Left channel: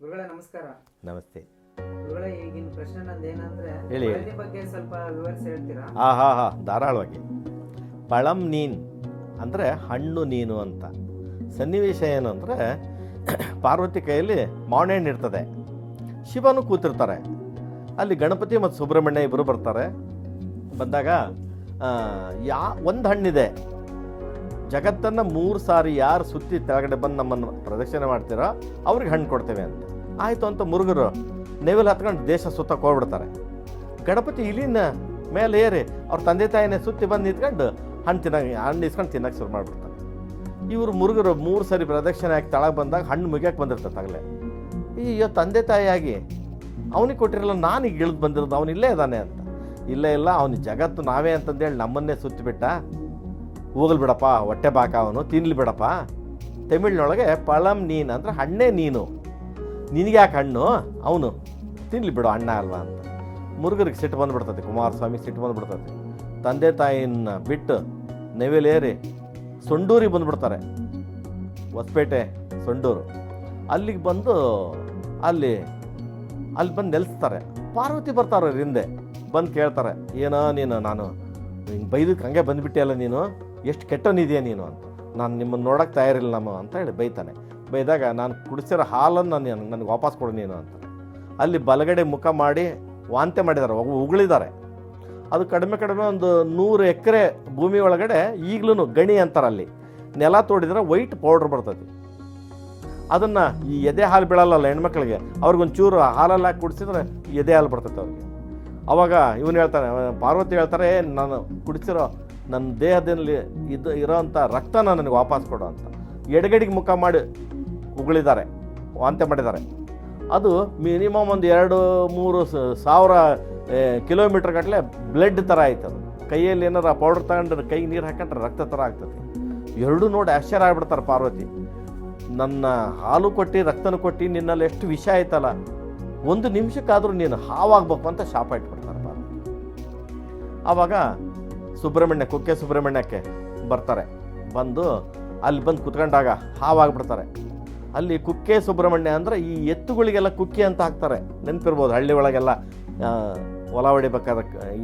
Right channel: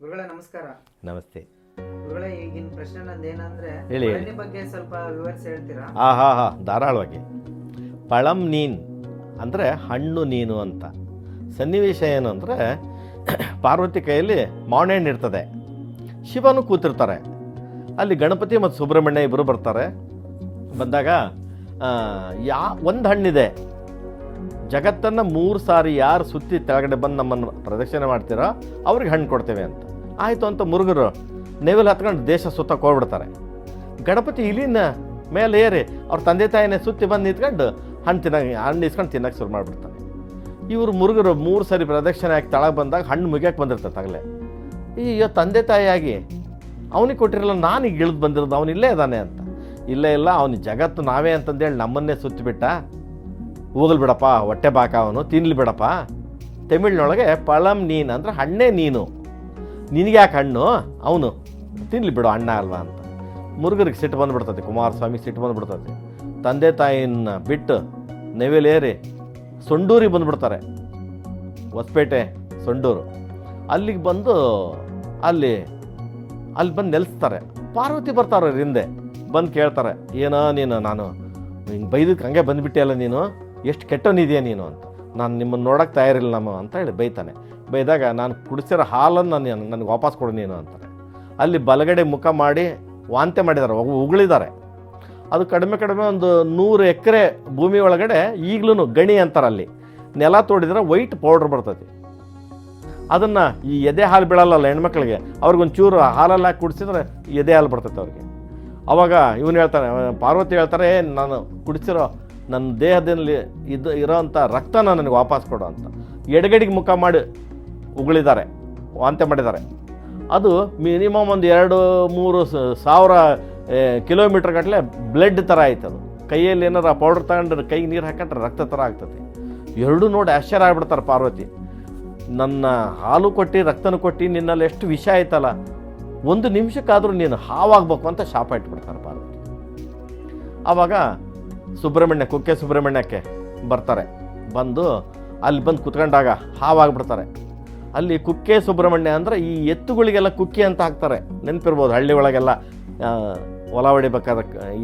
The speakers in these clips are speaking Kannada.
ಗುರುಗಳೇ ನಮಸ್ಕಾರ. ನಮಸ್ತೆ. ಗುರುಗಳೇ ಈಗಿನ ಪ್ರಶ್ನೆ ನಂದು ಏನಂದ್ರೆ ಹೇಳಿ. ಪಳನಿ ಬಗ್ಗೆ ಸ್ವಲ್ಪ ವಿವರಿಸಿ ಹೇಳ್ತೀರಾ? ಆ ಹಾ ಹಾ ಧಾರಾಳವಾಗಿ. ಪಳಂ ನೀನ್ ಅಂದರೆ ಹಣ್ಣು ನೀನು ಅಂತ. ಸನ್ನಿವೇಶ ಏನು ಅಂದರೆ ಪಾರ್ವತಿ ಕೈಯಲ್ಲಿ ಮಾವಿನ ಹಣ್ಣು ಇರ್ತದೆ. ಶಿವನು ಕೂತಿರ್ತಾರೆ. ಅಲ್ಲಿ ಗಣಪತಿ ಮತ್ತು ಸುಬ್ರಹ್ಮಣ್ಯ ಇಬ್ಬರು ಬರ್ತಾರೆ. ಬಂದಾಗ ಆ, ಯಾ ಒಂದು ಹಣ್ಣಿದೆ. ಜಗತ್ತನ್ನು ಮೂರು ಸಾರಿ ಯಾರು ಸುತ್ತಿ ತೆಳಗಡೆ ಬಂದು ನಮ್ಮನ್ನು ಪ್ರದಕ್ಷಿಣೆ ಮಾಡ್ತೀರೋ ಅವ್ರಿಗೆ ಹಣ್ಣು ಕೊಡ್ತೇವೆ ಅಂತ. ಆಯಿತು ಅಂತ ಮುರುಗರು ನೆವಿಲ್ ಹತ್ಕೊಂಡು ದೇಶ ಸುತ್ತಕ್ಕೆ ಹೋಗ್ಬಿಡ್ತಾರೆ. ಗಣಪತಿ ಇಲ್ಲಿನ ಮೇಲೆ ಏರಿ ಅವ್ರ ತಂದೆ ತಾಯಿನೇ ಸುತ್ತಿ ಬಂದು ನಿಂತ್ಕೊಂಡು ಹಣ್ಣು ತಿನ್ನ ಹಣ್ಣು ಇಸ್ಕೊಂಡು ತಿನ್ನಕ್ಕೆ ಶುರು ಮಾಡಿಬಿಡ್ತಾರೆ. ಇವರು ಮುರುಗರು ಮೂರು ಸಾರಿ ಪ್ರದಕ್ಷಿಣೆ ಹಾಕಿ ತಳಗೆ ಬಂದಾಗ ಹಣ್ಣು ಮುಗಿಯಕ್ಕೆ ಬಂದಿರ್ತಾರೆ ತಗಲೇ. ಅಯ್ಯೋ ತಂದೆ ತಾಯಿಯಾಗಿ ಅವನಿಗೆ ಕೊಟ್ಟಿರಲ್ಲ ನಾನು ಇಳಿದು ಬಂದಿರೋದು ಅವನಿಲ್ಲೇ ಇದ್ದಾನೆ ಅಂತ. ಇಲ್ಲೇ ಇಲ್ಲ, ಅವನ ಜಗತ್ತು ನಾವೇ ಅಂತಂದೇಳಿ ನಮ್ಮನ್ನೇ ಸುತ್ತಿಬಿಟ್ಟ ಹೋಗಲ್ ಬಿಡಪ್ಪ, ಹೊಟ್ಟೆ ಬಾಕ ಅವನು, ತಿನ್ಲಿ ಬಿಡಪ್ಪ. ತಮಿಳ್ನೊಳಗೆ ಪಳಂ ನೀನು ಅಂದರೆ ಹಣ್ಣೇ ನೀನು. ನಿನಗ್ಯಾಕೆ ಹಣ್ಣು? ಅವನು. ತಿನ್ಲಿ ಬಿಡು, ಅಣ್ಣ ಅಲ್ವಾ ಅಂತ. ಮುರುಗರಿಗೆ ಸಿಟ್ಟು ಬಂದುಬಿಡ್ತದೆ, ಕುಮಾರಸ್ವಾಮಿ ಸಿಟ್ಟು ಬಂದುಬಿಡ್ತದೆ. ತಂದೆ ತಾಯಿನ ಬಿಟ್ಟು ನೆವೆಲೇರಿ ಸೊಂಡೂರಿಗೆ ಬಂದುಬಿಡ್ತಾರೆ. ಹೊಸಪೇಟೆ, ಸೊಂಡೂರು. ಅಲ್ಲಿಗೆ ಬಂದು ಅಲ್ಲಿ ಅಲ್ಲಿ ಬಂದು ನೆಲೆಸ್ತಾರೆ. ಪಾರ್ವತಿ ಬರ್ತಾರೆ ಹಿಂದೆ. ಬಂದು ಕೇಳ್ತಾರೆ, ಏನೋ ನೀನು, ನಾನು ಹಿಂಗೆ ಬೈದಕ್ಕೆ ಹಂಗೆ ಬಂದುಬಿಟ್ಟಿಯಲ್ಲ ನೀನು? ಎಷ್ಟು ಕೆಟ್ಟವನಿದೆಯಾ ನೀನು ಅಂತ. ನಾನು ನಿಮ್ಮನ್ನು ನೋಡೋಕ್ಕೆ ತಯಾರಿಲ್ಲ ನಮ್ಮ ಅಂತ ಹೇಳಿ ಬೈತಾನೆ. ಬೈದಾಗ ನಾನು ಕುಡಿಸಿರೋ ಹಾಲನ್ನು ನಾನು ನನಗೆ ವಾಪಸ್ ಕೊಡು ನೀನು ಅಂತ ಅಲ್ಲಿ ಬಲಗಡೆ ಮುಖ ಮಾಡಿ ವಾಂತೆ ಮಾಡಿದ್ದಾರೆ ಉಗ್- ಉಗುಳಿದ್ದಾರೆ. ಅದು ಕಡಿಮೆ ಕಡಿಮೆ ಒಂದು ನೂರು ಎಕರೆ ಭೂಮಿ ಒಳಗಡೆ ಈಗಲೂ ಗಣಿ ಅಂತಾರೆ ಅಲ್ಲಿ. ನೆಲ ತೋಡಿದ್ರೆ ವೈಟ್ ಪೌಡ್ರ್ ಬರ್ತೈತಿ ಅದನ್ನು ಈ ಎದೆ ಹಾಲು ಬೀಳಲ್ಲ ಹೆಣ್ಮಕ್ಳಿಗೆ ಅವ್ರಿಗೊಂದು ಚೂರು ಹಾಲಲ್ಲಿ ಹಾಕಿ ಕುಡಿಸಿದ್ರೆ ಎದೆ ಹಾಲು ಬರ್ತೈತೆ ಅವ್ರಿಗೆ. ಅವಾಗ ಇವನು ಹೇಳ್ತಾನೆ ಪಾರ್ವತಿ ಹೇಳ್ತಾರೆ "ಏ, ನಾನು ಕುಡಿಸಿರೋ ನನ್ನ ದೇಹದಲ್ಲಿ ಇದು ಇರೋವಂಥ ರಕ್ತನ ನನಗೆ ವಾಪಸ್ ಕೊಡು ಅಂತ. ಎಡಗಡೆಗೆ ಮುಖ ಮಾಡಿ ಉಗುಳಿದ್ದಾರೆ, ವಾಂತೆ ಮಾಡಿದ್ದಾರೆ. ಅದು ಮಿನಿಮಮ್ ಒಂದು ಎರಡು ಮೂರು ಸಾವಿರ ಕಿಲೋಮೀಟ್ರ್ ಗಟ್ಟಲೆ ಬ್ಲಡ್ ಥರ ಆಯ್ತು ಅದು. ಕೈಯಲ್ಲಿ ಏನಾರ ಪೌಡರ್ ತಗೊಂಡ್ರೆ ಕೈಗೆ ನೀರು ಹಾಕೊಂಡ್ರೆ ರಕ್ತ ಥರ ಆಗ್ತದೆ. ಎರಡೂ ನೋಡಿ ಆಶ್ಚರ್ಯ ಆಗ್ಬಿಡ್ತಾರೆ ಪಾರ್ವತಿ. ನನ್ನ ಹಾಲು ಕೊಟ್ಟು, ರಕ್ತನ ಕೊಟ್ಟು ನಿನ್ನಲ್ಲಿ ಎಷ್ಟು ವಿಷ ಆಯ್ತಲ್ಲ. ಒಂದು ನಿಮಿಷಕ್ಕಾದರೂ ನೀನು ಹಾವಾಗಬೇಕು ಅಂತ ಶಾಪ ಇಟ್ಬಿಡ್ತಾರೆ ಪಾರ್ವತಿ. ಆವಾಗ ಸುಬ್ರಹ್ಮಣ್ಯ, ಕುಕ್ಕೆ ಸುಬ್ರಹ್ಮಣ್ಯಕ್ಕೆ ಬರ್ತಾರೆ. ಬಂದು ಅಲ್ಲಿ ಬಂದು ಕುತ್ಕೊಂಡಾಗ ಹಾವಾಗ್ಬಿಡ್ತಾರೆ. ಅಲ್ಲಿ ಕುಕ್ಕೆ ಸುಬ್ರಹ್ಮಣ್ಯ ಅಂದರೆ ಈ ಎತ್ತುಗಳಿಗೆಲ್ಲ ಕುಕ್ಕೆ ಅಂತ ಹಾಕ್ತಾರೆ. ನೆನಪಿರ್ಬೋದು ಹಳ್ಳಿ ಒಳಗೆಲ್ಲ ಹೊಲ ಹೊಡಿಬೇಕಾದ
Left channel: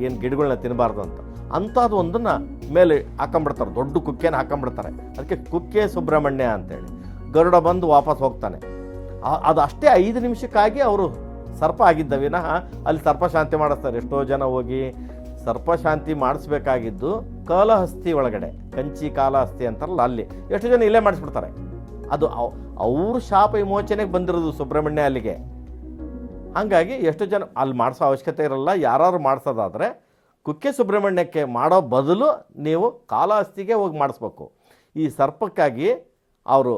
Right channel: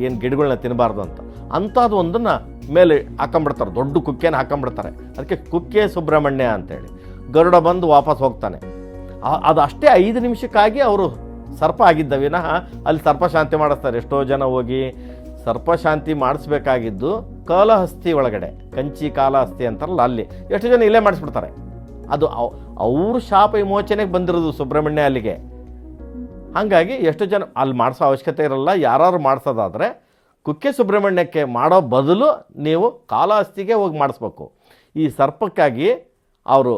ಏನು ಗಿಡಗಳನ್ನ ತಿನ್ನಬಾರ್ದು ಅಂತ. ಅಂಥದ್ದು ಒಂದನ್ನು ಮೇಲೆ ಹಾಕೊಂಬಿಡ್ತಾರೆ, ದೊಡ್ಡ ಕುಕ್ಕೆನ ಹಾಕೊಂಬಿಡ್ತಾರೆ. ಅದಕ್ಕೆ ಕುಕ್ಕೆ ಸುಬ್ರಹ್ಮಣ್ಯ ಅಂತೇಳಿ. ಗರುಡ ಬಂದು ವಾಪಸ್ ಹೋಗ್ತಾನೆ. ಅದು ಅಷ್ಟೇ ಐದು ನಿಮಿಷಕ್ಕಾಗಿ ಅವರು ಸರ್ಪ ಆಗಿದ್ದ ವಿನಃ ಅಲ್ಲಿ ಸರ್ಪ ಶಾಂತಿ ಮಾಡಿಸ್ತಾರೆ. ಎಷ್ಟೋ ಜನ ಹೋಗಿ ಸರ್ಪ ಶಾಂತಿ ಮಾಡಿಸ್ಬೇಕಾಗಿದ್ದು ಕಾಲಹಸ್ತಿ ಒಳಗಡೆ, ಕಂಚಿ ಕಾಲಹಸ್ತಿ ಅಂತಾರಲ್ಲ ಅಲ್ಲಿ. ಎಷ್ಟು ಜನ ಇಲ್ಲೇ ಮಾಡಿಸ್ಬಿಡ್ತಾರೆ. ಅದು ಅವ್ರ ಶಾಪ ವಿಮೋಚನೆಗೆ ಬಂದಿರೋದು ಸುಬ್ರಹ್ಮಣ್ಯ ಅಲ್ಲಿಗೆ. ಹಾಗಾಗಿ ಎಷ್ಟು ಜನ ಅಲ್ಲಿ ಮಾಡಿಸೋ ಅವಶ್ಯಕತೆ ಇರಲ್ಲ ಯಾರು ಮಾಡಿಸೋದಾದರೆ ಕುಕ್ಕೆ ಸುಬ್ರಹ್ಮಣ್ಯಕ್ಕೆ ಮಾಡೋ ಬದಲು ನೀವು ಕಾಲಹಸ್ತಿಗೆ ಹೋಗಿ ಮಾಡಿಸ್ಬೇಕು. ಈ ಸರ್ಪಕ್ಕಾಗಿ ಅವರು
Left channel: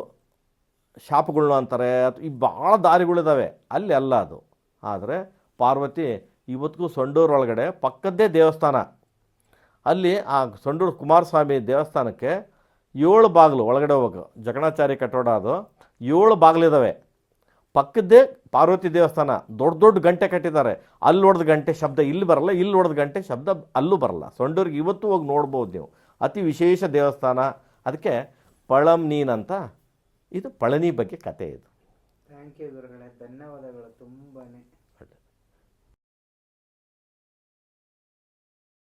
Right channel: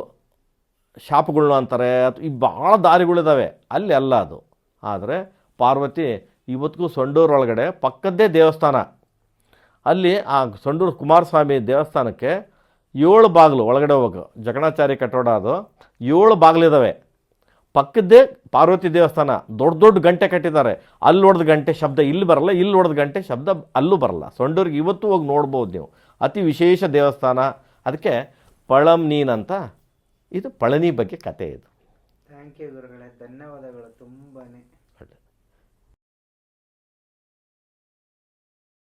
ಶಾಪಗಳು ಅಂತಾರೆ ಈ ಭಾಳ ದಾರಿಗಳಿದ್ದಾವೆ ಅಲ್ಲಿ ಅಲ್ಲ ಅದು. ಆದರೆ ಪಾರ್ವತಿ ಇವತ್ತಿಗೂ ಸೊಂಡೂರು ಒಳಗಡೆ ಪಕ್ಕದ್ದೇ ದೇವಸ್ಥಾನ. ಅಲ್ಲಿ ಆ ಸೊಂಡೂರು ಕುಮಾರಸ್ವಾಮಿ ದೇವಸ್ಥಾನಕ್ಕೆ ಏಳು ಬಾಗಿಲು ಒಳಗಡೆ ಹೋಗ್ಬೇಕು ಜಗಣಾಚಾರಿ ಕಟ್ಟಡ ಅದು. ಏಳು ಬಾಗಿಲಿದ್ದಾವೆ ಪಕ್ಕದ್ದೇ ಪಾರ್ವತಿ ದೇವಸ್ಥಾನ. ದೊಡ್ಡ ದೊಡ್ಡ ಗಂಟೆ ಕಟ್ಟಿದ್ದಾರೆ. ಅಲ್ಲಿ ಹೊಡೆದ ಗಂಟೆ ಶಬ್ದ ಇಲ್ಲಿ ಬರಲ್ಲ ಇಲ್ಲಿ ಹೊಡೆದ ಗಂಟೆ ಶಬ್ದ ಅಲ್ಲೂ ಬರಲ್ಲ. ಸೊಂಡೂರಿಗೆ ಇವತ್ತು ಹೋಗಿ ನೋಡ್ಬೋದು ನೀವು. ಅತಿ ವಿಶೇಷ ದೇವಸ್ಥಾನ. ಅದಕ್ಕೆ ಪಳಂ ನೀನ್ ಅಂತ. ಇದು ಪಳನಿ ಬಗ್ಗೆ ಕತೆ ಇದು. ಥ್ಯಾಂಕ್ ಯು ಗುರುಗಳೇ. ಧನ್ಯವಾದಗಳು ತುಂಬಾನೇ.